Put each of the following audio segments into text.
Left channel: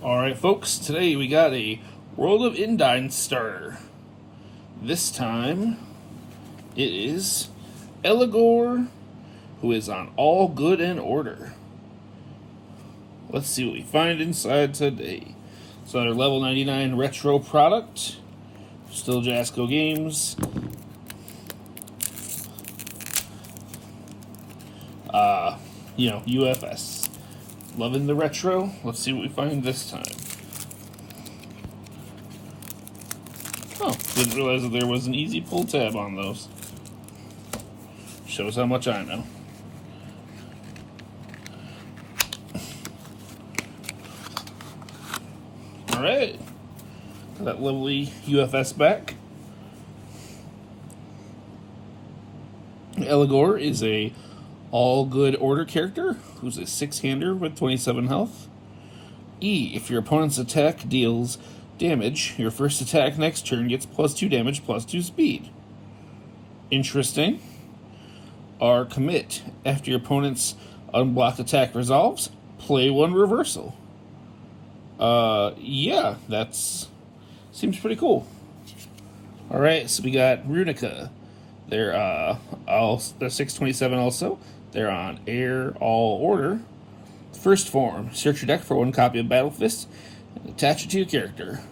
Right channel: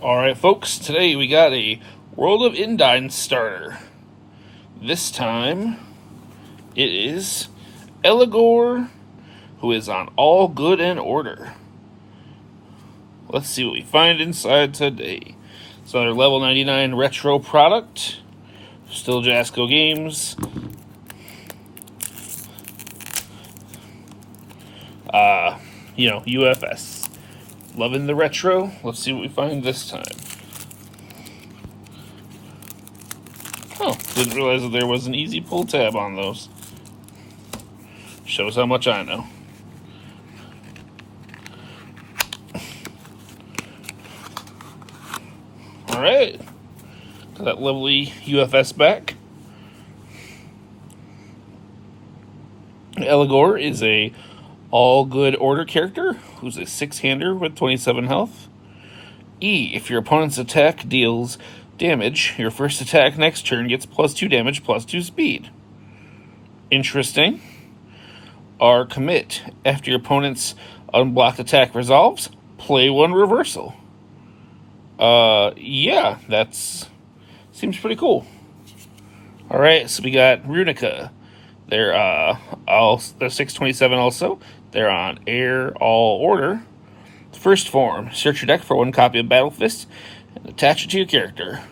Alright folks, today we got a World of Indines starter. This time, it is Eligor, who is on All Good and Order. Let's see what we find inside today. It's another level 99 retro product. Still Jasco Games. UFS. Loving the retro. Let's see what we find this time. Oh, didn't realize that there was an easy pull tab on those. Shows how much I know. Alright. Got that lovely UFS back. Eligor is a All Good Order character who's a 6-hander with 27 health. E, if your opponent's attack deals damage, your first attack next turn gets +2 damage, +2 speed. Interesting. R, commit. After your opponent's unblocked attack resolves, play one reversal. Yeah, that's seems pretty cool. Alright, so we got Runica. They're 627 also. They're on Air All Order. First form, search your deck for one copy of Battle Fist and attach it to your character.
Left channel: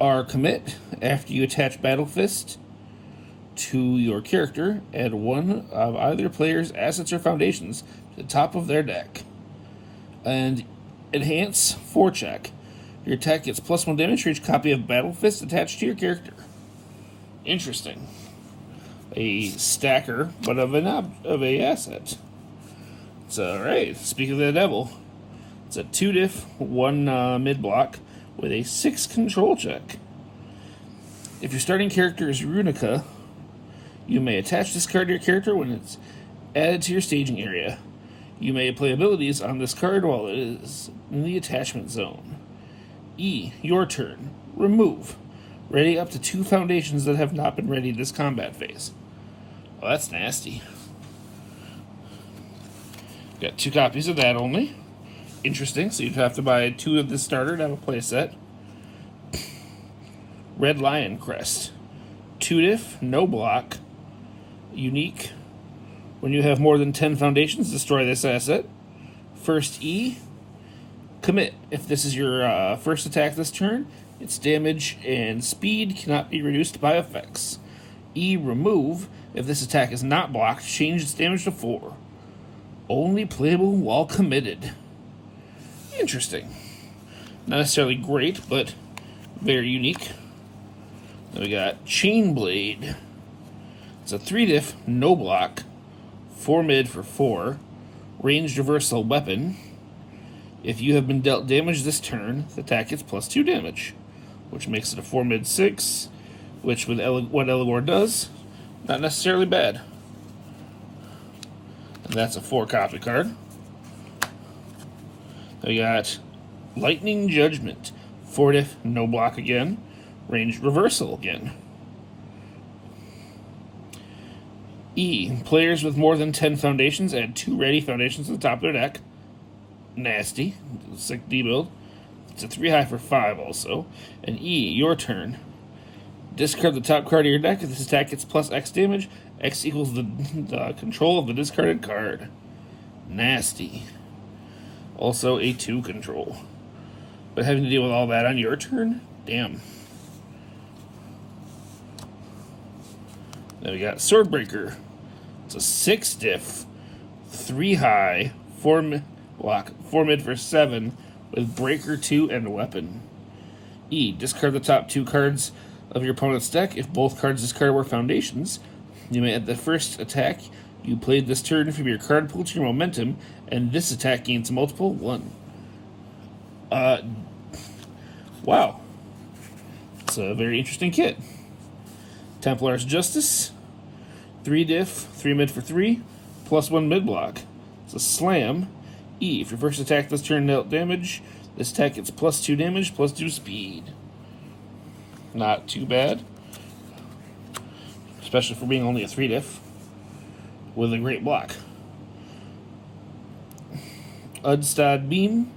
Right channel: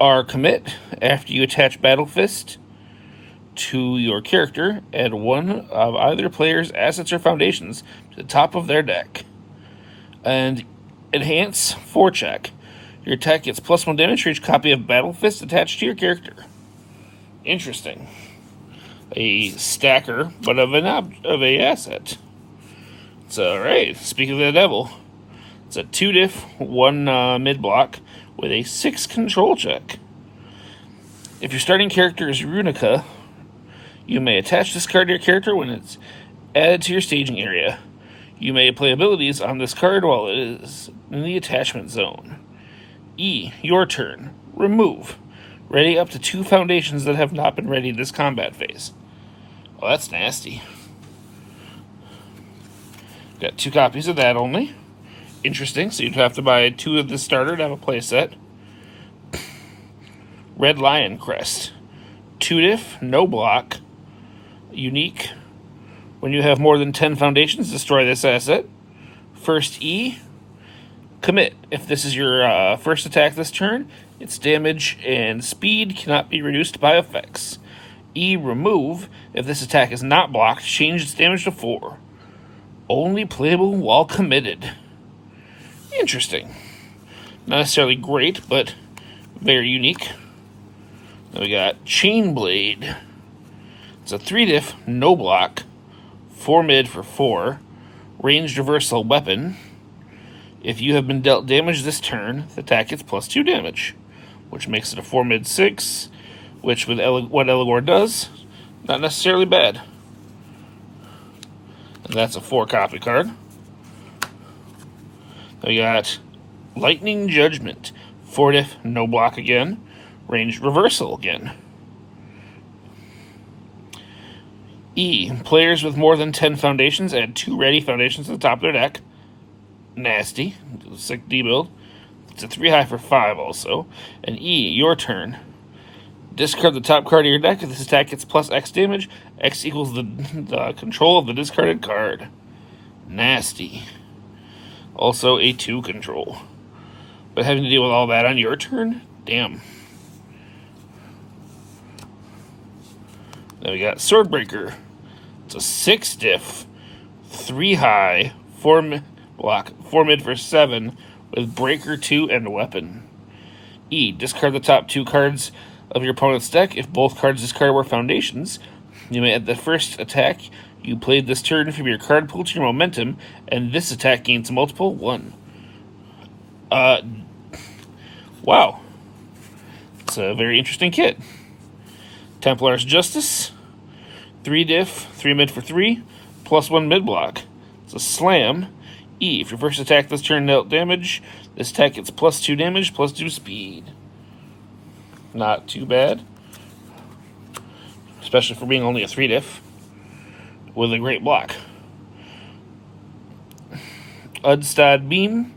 R, commit. After you attach Battle Fist to your character, add one of either player's assets or foundations to the top of their deck. And enhance, forecheck. Your attack gets +1 damage for each copy of Battle Fist attached to your character. Interesting. A stacker, but of a asset. It's alright. Speaking of the devil, it's a 2-diff, 1 mid block with a 6 control check. If your starting character is Runica, you may attach this card to your character when it's added to your staging area. You may play abilities on this card while it is in the attachment zone. E, your turn. Remove. Ready up to 2 foundations that have not been ready this combat phase. Well, that's nasty. Got 2 copies of that only. Interesting, so you'd have to buy 2 of this starter to have a playset. Red Lion Crest. 2-diff, no block. Unique. When you have more than 10 foundations, destroy this asset. First E, commit. If this is your first attack this turn, its damage and speed cannot be reduced by effects. E, remove. If this attack is not blocked, change its damage to 4. Only playable while committed. Interesting. Not necessarily great, but very unique. Then we got Chainblade. It's a 3-diff, no block, 4 mid for 4, ranged reversal weapon. If you have been dealt damage this turn, the attack gets +2 damage, which makes it a 4 mid 6, which with what Eligor does, not necessarily bad. And that's a 4-copy card. Then we got Lightning Judgment, 4-diff, no block again, ranged reversal again. E, players with more than 10 foundations add 2 ready foundations to the top of their deck. Nasty. Sick D-build. It's a 3-high for 5 also. And E, your turn. Discard the top card of your deck. If this attack gets +X damage, X equals the control of the discarded card. Nasty. Also a 2 control. But having to deal with all that on your turn? Damn. Then we got Swordbreaker. It's a 6-diff, 3-high, 4 block, 4 mid for 7 with Breaker 2 and Weapon. E, discard the top 2 cards of your opponent's deck. If both cards discarded were foundations, you may add the first attack you played this turn from your card pool to your momentum, and this attack gains multiple 1. Wow. It's a very interesting kit. Templar's Justice, 3-diff, 3 mid for 3, +1 mid block. It's a slam. E, if your first attack this turn dealt damage, this attack gets +2 damage, +2 speed. Not too bad. Especially for being only a 3-diff. With a great block. Udstad Beam,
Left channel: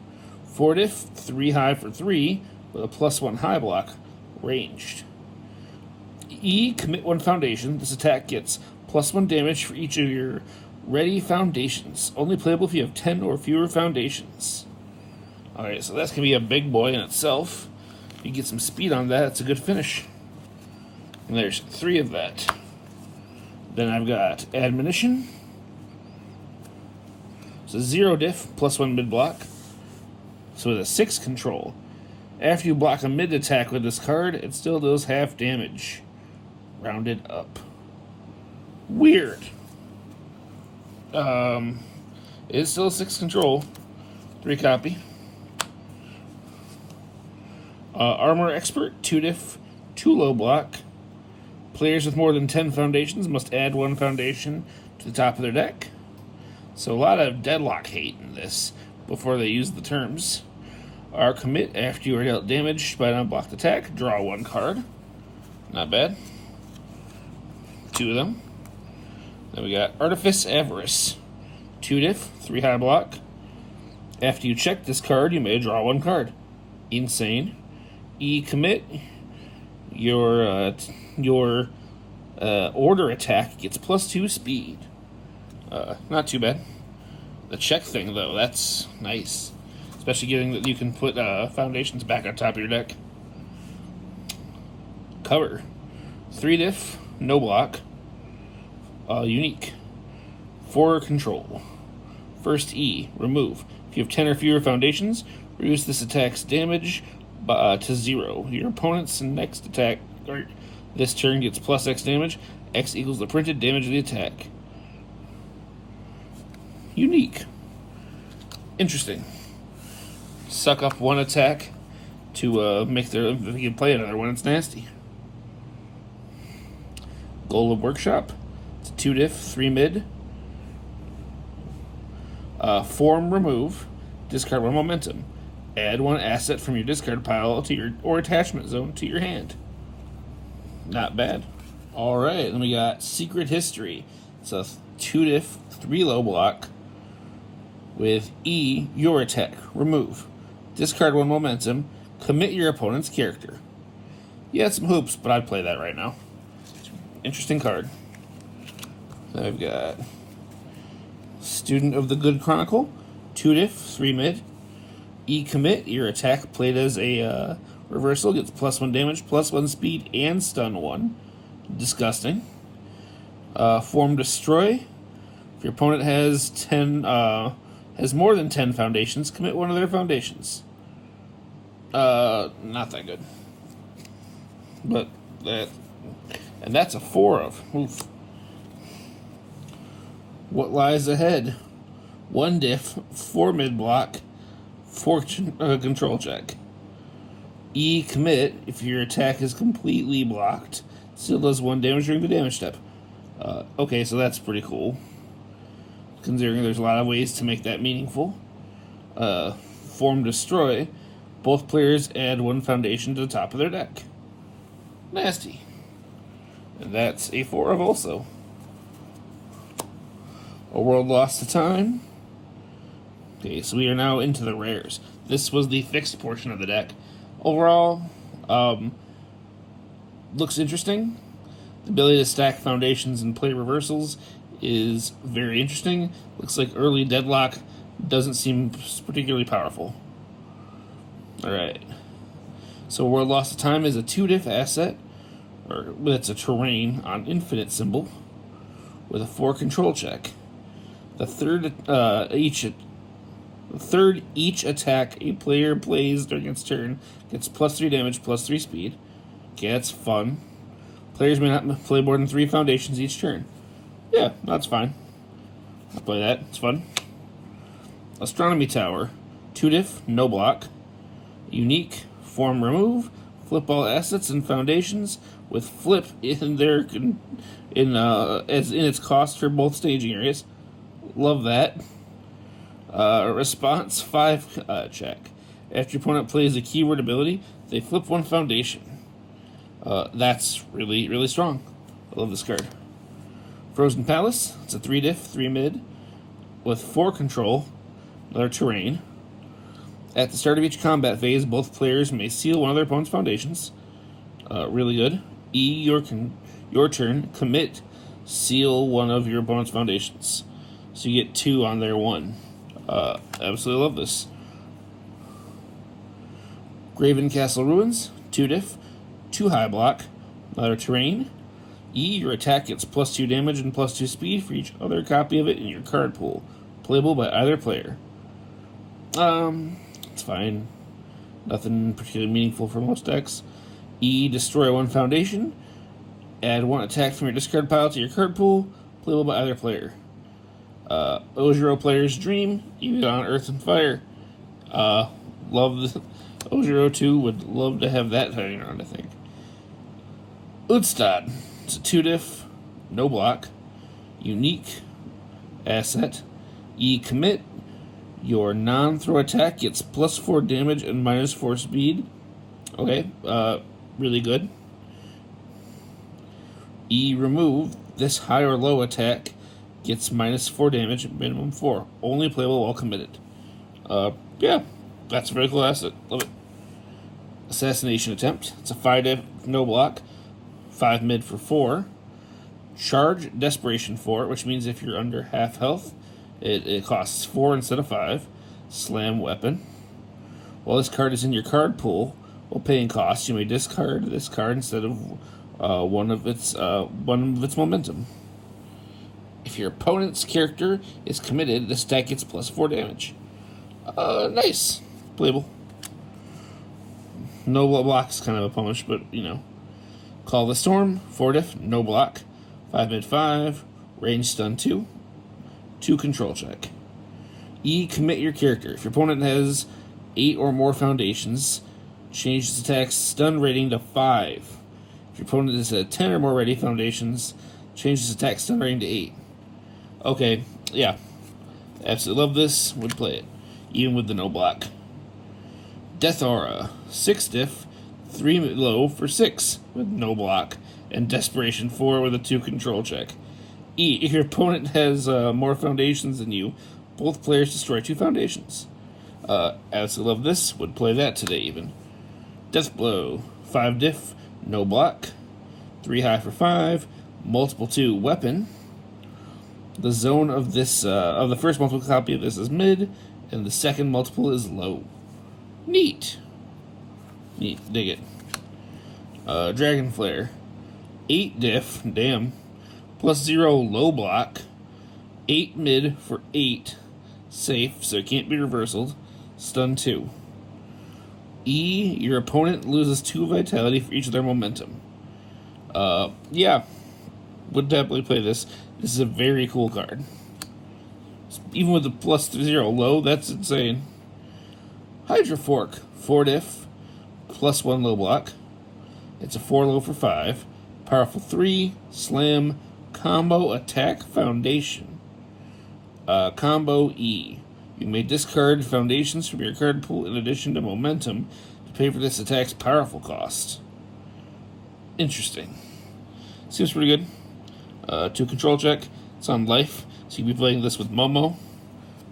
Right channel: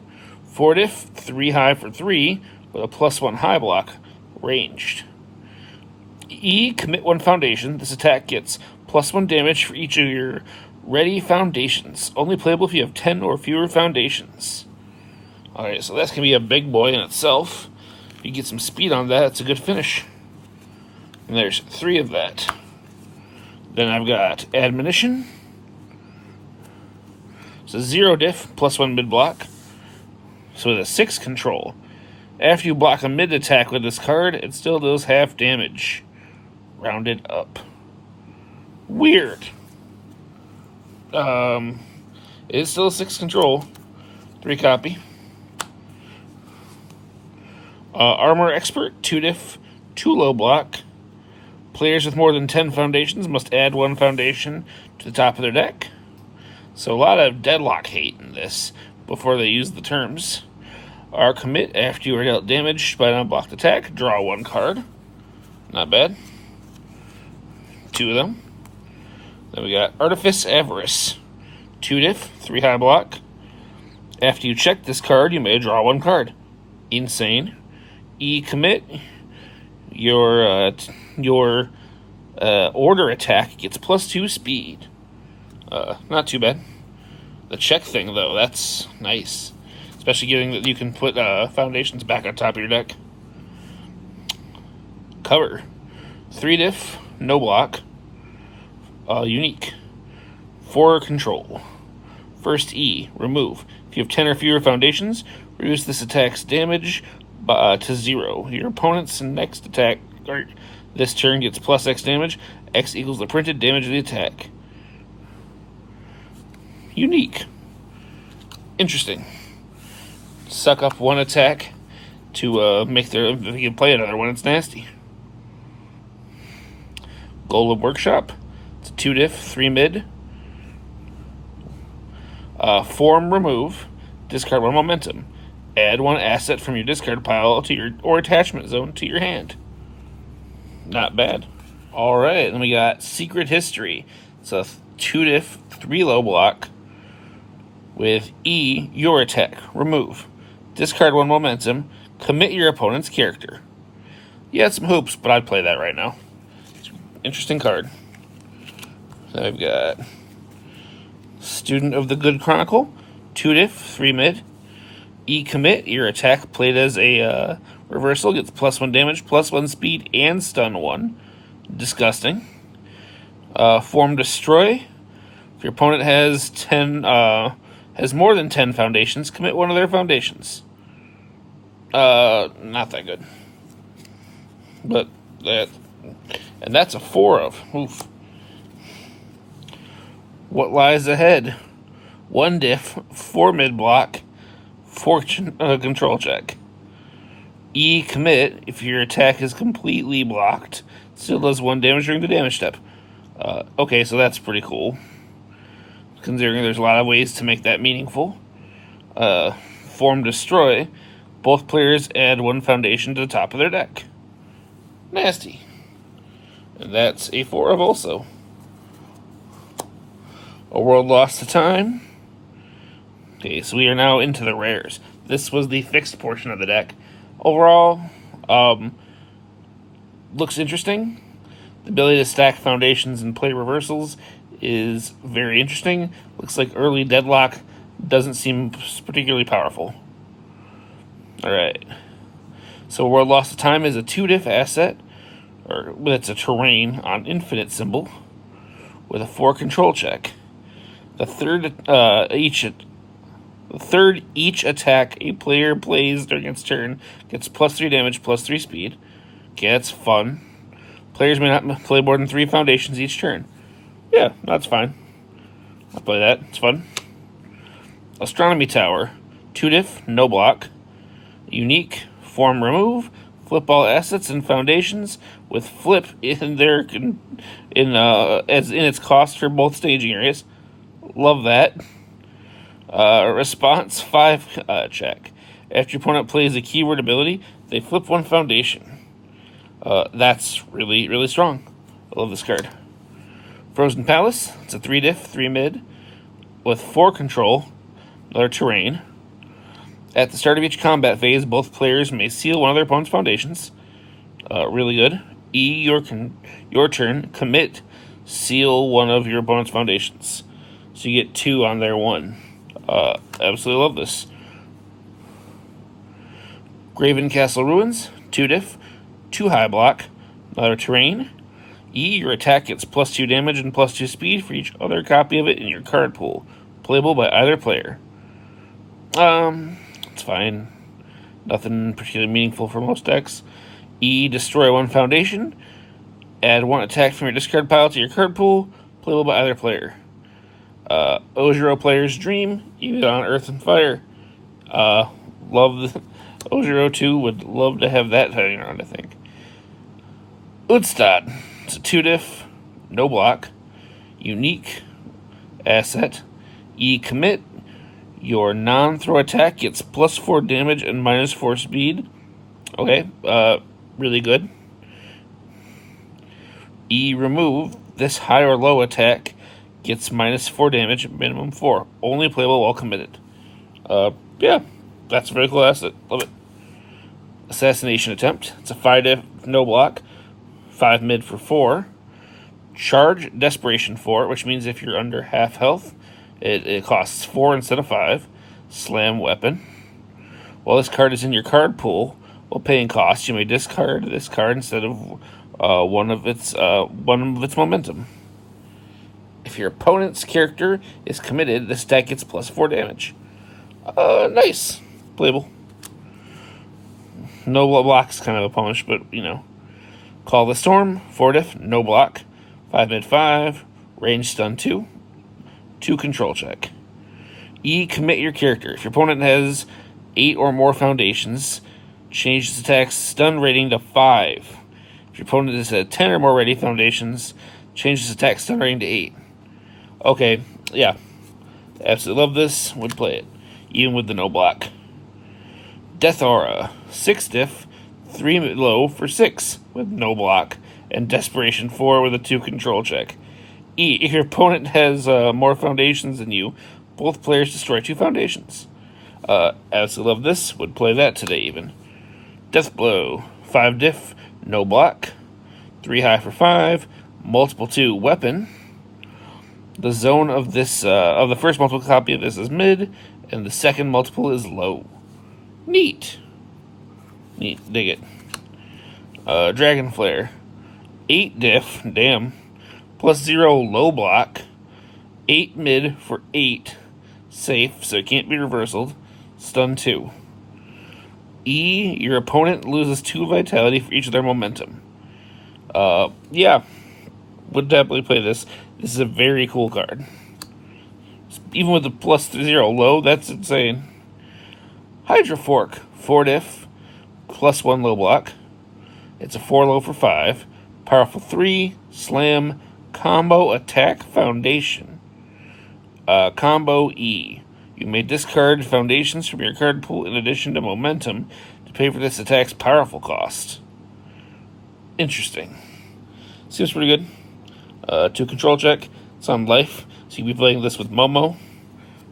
4 diff, 3 high for 3, with a +1 high block, ranged. E, commit 1 foundation. This attack gets +1 damage for each of your ready foundations. Only playable if you have 10 or fewer foundations. Alright, so that's going to be a big boy in itself. If you get some speed on that, it's a good finish. And there's 3 of that. Then I've got Admonition. So 0 diff, +1 mid block. So with a 6 control. After you block a mid attack with this card, it still does half damage. Rounded up. Weird. It's still a 6 control. 3 copy. Armor Expert, 2 diff, 2 low block. Players with more than 10 foundations must add 1 foundation to the top of their deck. So a lot of deadlock hate in this before they use the terms. Our commit, after you are dealt damage by an unblocked attack, draw 1 card. Not bad. 2 of them. Then we got Artifice Avarice. 2 diff, 3 high block. After you check this card, you may draw 1 card. Insane. E, commit. Your order attack gets +2 speed. Not too bad. The check thing, though, that's nice. Especially given that you can put foundations back on top of your deck. Cover. 3 diff, no block. Unique. 4 control. First E, remove. If you have 10 or fewer foundations, reduce this attack's damage to 0. Your opponent's next attack, or this turn, gets +X damage. X equals the printed damage of the attack. Unique. Interesting. Suck up 1 attack to make their. If you can play another one, it's nasty. Golem Workshop. It's a 2 diff, 3 mid. Form remove. Discard 1 momentum. Add 1 asset from your discard pile to your or attachment zone to your hand. Not bad. All right, then we got Secret History. It's a 2 diff, 3 low block. With E, your attack. Remove. Discard 1 momentum. Commit your opponent's character. You had some hoops, but I'd play that right now. Interesting card. Then I've got Student of the Good Chronicle. 2 diff, 3 mid. E, commit. Your attack played as a reversal gets +1 damage, +1 speed, and stun 1. Disgusting. Form Destroy. If your opponent has 10, has more than 10 foundations, commit 1 of their foundations. Not that good. But that, and that's a 4 of. Oof. What lies ahead? 1 diff, 4 mid block, 4 control check. E, commit. If your attack is completely blocked, still does 1 damage during the damage step. Okay, so that's pretty cool. Considering there's a lot of ways to make that meaningful. Form Destroy. Both players add 1 foundation to the top of their deck. Nasty. And that's a 4 of also. A World Lost to Time. Okay, so we are now into the rares. This was the fixed portion of the deck. Overall, looks interesting. The ability to stack foundations and play reversals is very interesting. Looks like early deadlock doesn't seem particularly powerful. Alright. So World Lost to Time is a 2 diff asset, or it's a terrain on infinite symbol with a 4 control check. The third each attack a player plays during its turn gets +3 damage, +3 speed. Okay, that's fun. Players may not play more than 3 foundations each turn. Yeah, that's fine. I'll play that. It's fun. Astronomy Tower. 2 diff, no block. Unique. Form remove. Flip all assets and foundations with flip in their as in its cost for both staging areas. Love that. Response 5 check. After your opponent plays a keyword ability, they flip 1 foundation. That's really, really strong. I love this card. Frozen Palace. It's a 3 diff, 3 mid with 4 control. Another terrain. At the start of each combat phase, both players may seal one of their opponent's foundations. Really good. E, your turn. Commit. Seal one of your opponent's foundations. So you get 2 on their 1. Absolutely love this. Graven Castle Ruins. 2 diff. 2 high block. Another terrain. E, your attack gets +2 damage and +2 speed for each other copy of it in your card pool. Playable by either player. It's fine. Nothing particularly meaningful for most decks. E, destroy 1 foundation. Add 1 attack from your discard pile to your card pool. Playable by either player. Ojiro Player's Dream. Use it on Earth and Fire. Love the Ojiro 2. Would love to have that hanging around, I think. Udstad. It's a 2 diff, no block, unique asset. E, commit. Your non-throw attack gets +4 damage and -4 speed. Okay, really good. E, remove. This high or low attack gets -4 damage, minimum 4. Only playable while committed. Yeah, that's a very cool asset. Love it. Assassination Attempt. It's a 5 diff, no block. 5 mid for 4. Charge Desperation 4, which means if you're under half health, it costs 4 instead of 5. Slam Weapon. While this card is in your card pool, while paying costs, you may discard this card instead of one of its momentum. If your opponent's character is committed, this deck gets +4 damage. Nice. Playable. No blocks, kind of a punish, but you know. Call the Storm, 4 diff, no block, 5 mid 5, range stun 2, 2 control check. E, commit your character. If your opponent has 8 or more foundations, change its attack's stun rating to 5. If your opponent is at 10 or more ready foundations, change its attack stun rating to 8. Okay, yeah. Absolutely love this. Would play it. Even with the no block. Death Aura, 6 diff, 3 low for 6 with no block, and Desperation 4 with a 2 control check. E, if your opponent has more foundations than you, both players destroy 2 foundations. Absolutely love this. Would play that today even. Death Blow, 5 diff, no block, 3 high for 5, multiple 2 weapon. The zone of this of the first multiple copy of this is mid, and the second multiple is low. Neat. Neat. Dig it. Dragon Flare. 8 diff. Damn. +0 low block. 8 mid for 8. Safe, so it can't be reversaled. Stun 2. E, your opponent loses 2 vitality for each of their momentum. Yeah. Would definitely play this. This is a very cool card. Even with the +0 low, that's insane. Hydra Fork. 4 diff. +1 low block. It's a 4 low for 5. Powerful 3. Slam. Combo attack foundation. Combo E. You may discard foundations from your card pool in addition to momentum to pay for this attack's powerful cost. Interesting. Seems pretty good. 2 control check. It's on life, so you'll be playing this with Momo.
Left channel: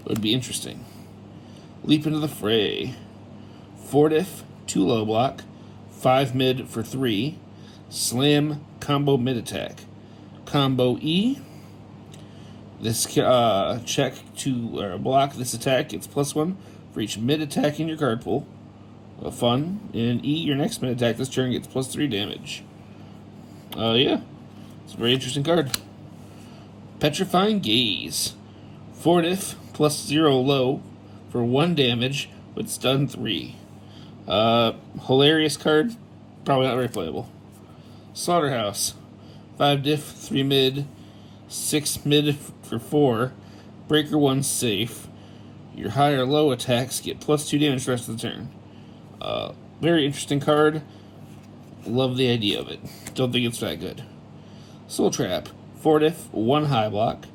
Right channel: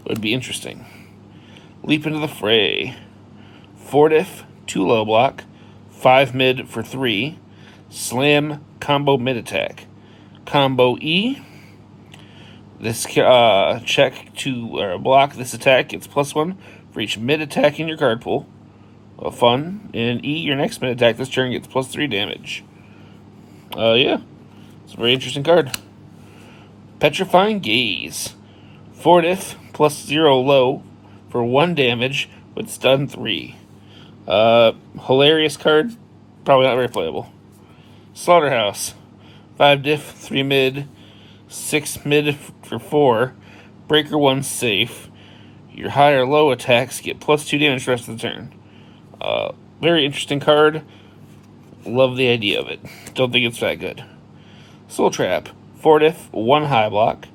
It would be interesting. Leap into the fray. 4 diff, 2 low block, 5 mid for 3. Slam combo mid attack. Combo E. This check to block this attack gets +1 for each mid attack in your card pool. Fun. And E, your next mid attack this turn gets +3 damage. Yeah. It's a very interesting card. Petrifying Gaze. 4 diff, +0 low for 1 damage with stun 3. Hilarious card. Probably not very playable. Slaughterhouse. 5 diff, 3 mid, 6 mid for 4. Breaker 1 safe. Your high or low attacks get +2 damage the rest of the turn. Very interesting card. Love the idea of it. Don't think it's that good. Soul Trap. 4 diff, 1 high block.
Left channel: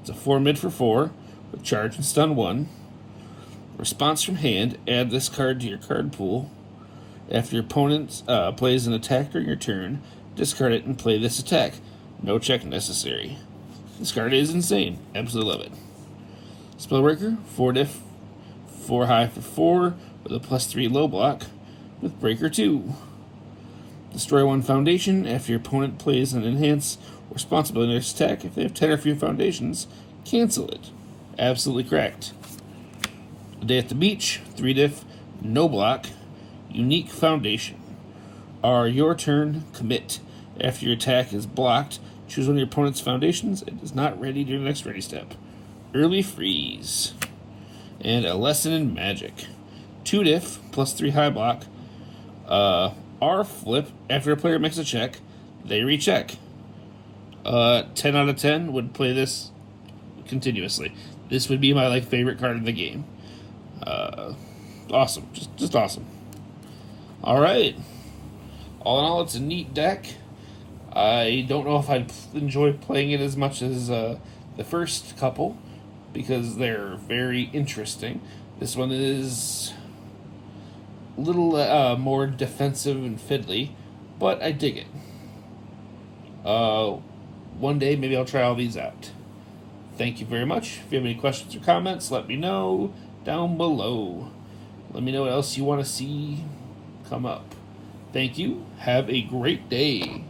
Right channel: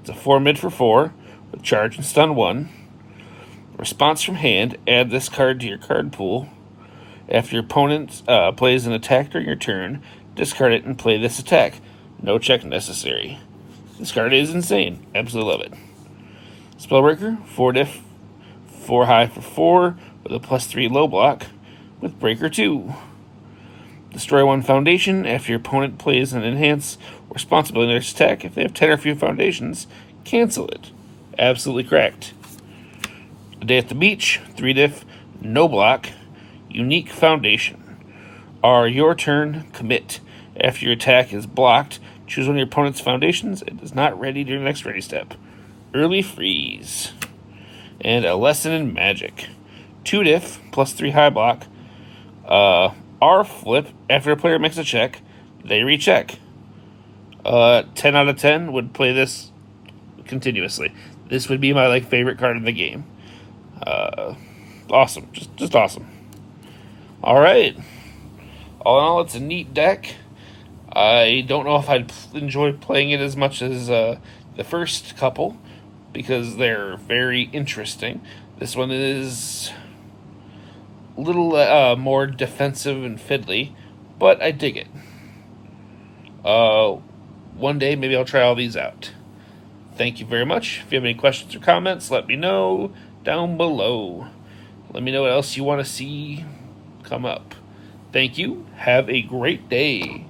It's a 4 mid for 4 with charge and stun 1. Response from hand. Add this card to your card pool. After your opponent plays an attack during your turn, discard it and play this attack. No check necessary. This card is insane. Absolutely love it. Spellbreaker. 4 diff, 4 high for 4 with a +3 low block with Breaker 2. Destroy 1 foundation after your opponent plays an enhance or responsibility in their attack. If they have 10 or fewer foundations, cancel it. Absolutely correct. A Day at the Beach, 3 diff, no block, unique foundation. Are your turn, commit. After your attack is blocked, choose one of your opponent's foundations. It is not ready during the next ready step. Early freeze. And a lesson in magic. 2 diff, +3 high block. R flip, after a player makes a check, they recheck. 10 out of 10 would play this continuously. This would be my favorite card in the game. Awesome. Just awesome. Alright. All in all, it's a neat deck. I don't know if I'd enjoy playing it as much as the first couple, because they're very interesting. This one is a little more defensive and fiddly, but I dig it. One day, maybe I'll try all these out. Thank you very much. If you have any questions or comments, let me know down below. Let me know what else you want to see come up. Thank you. Have a great day.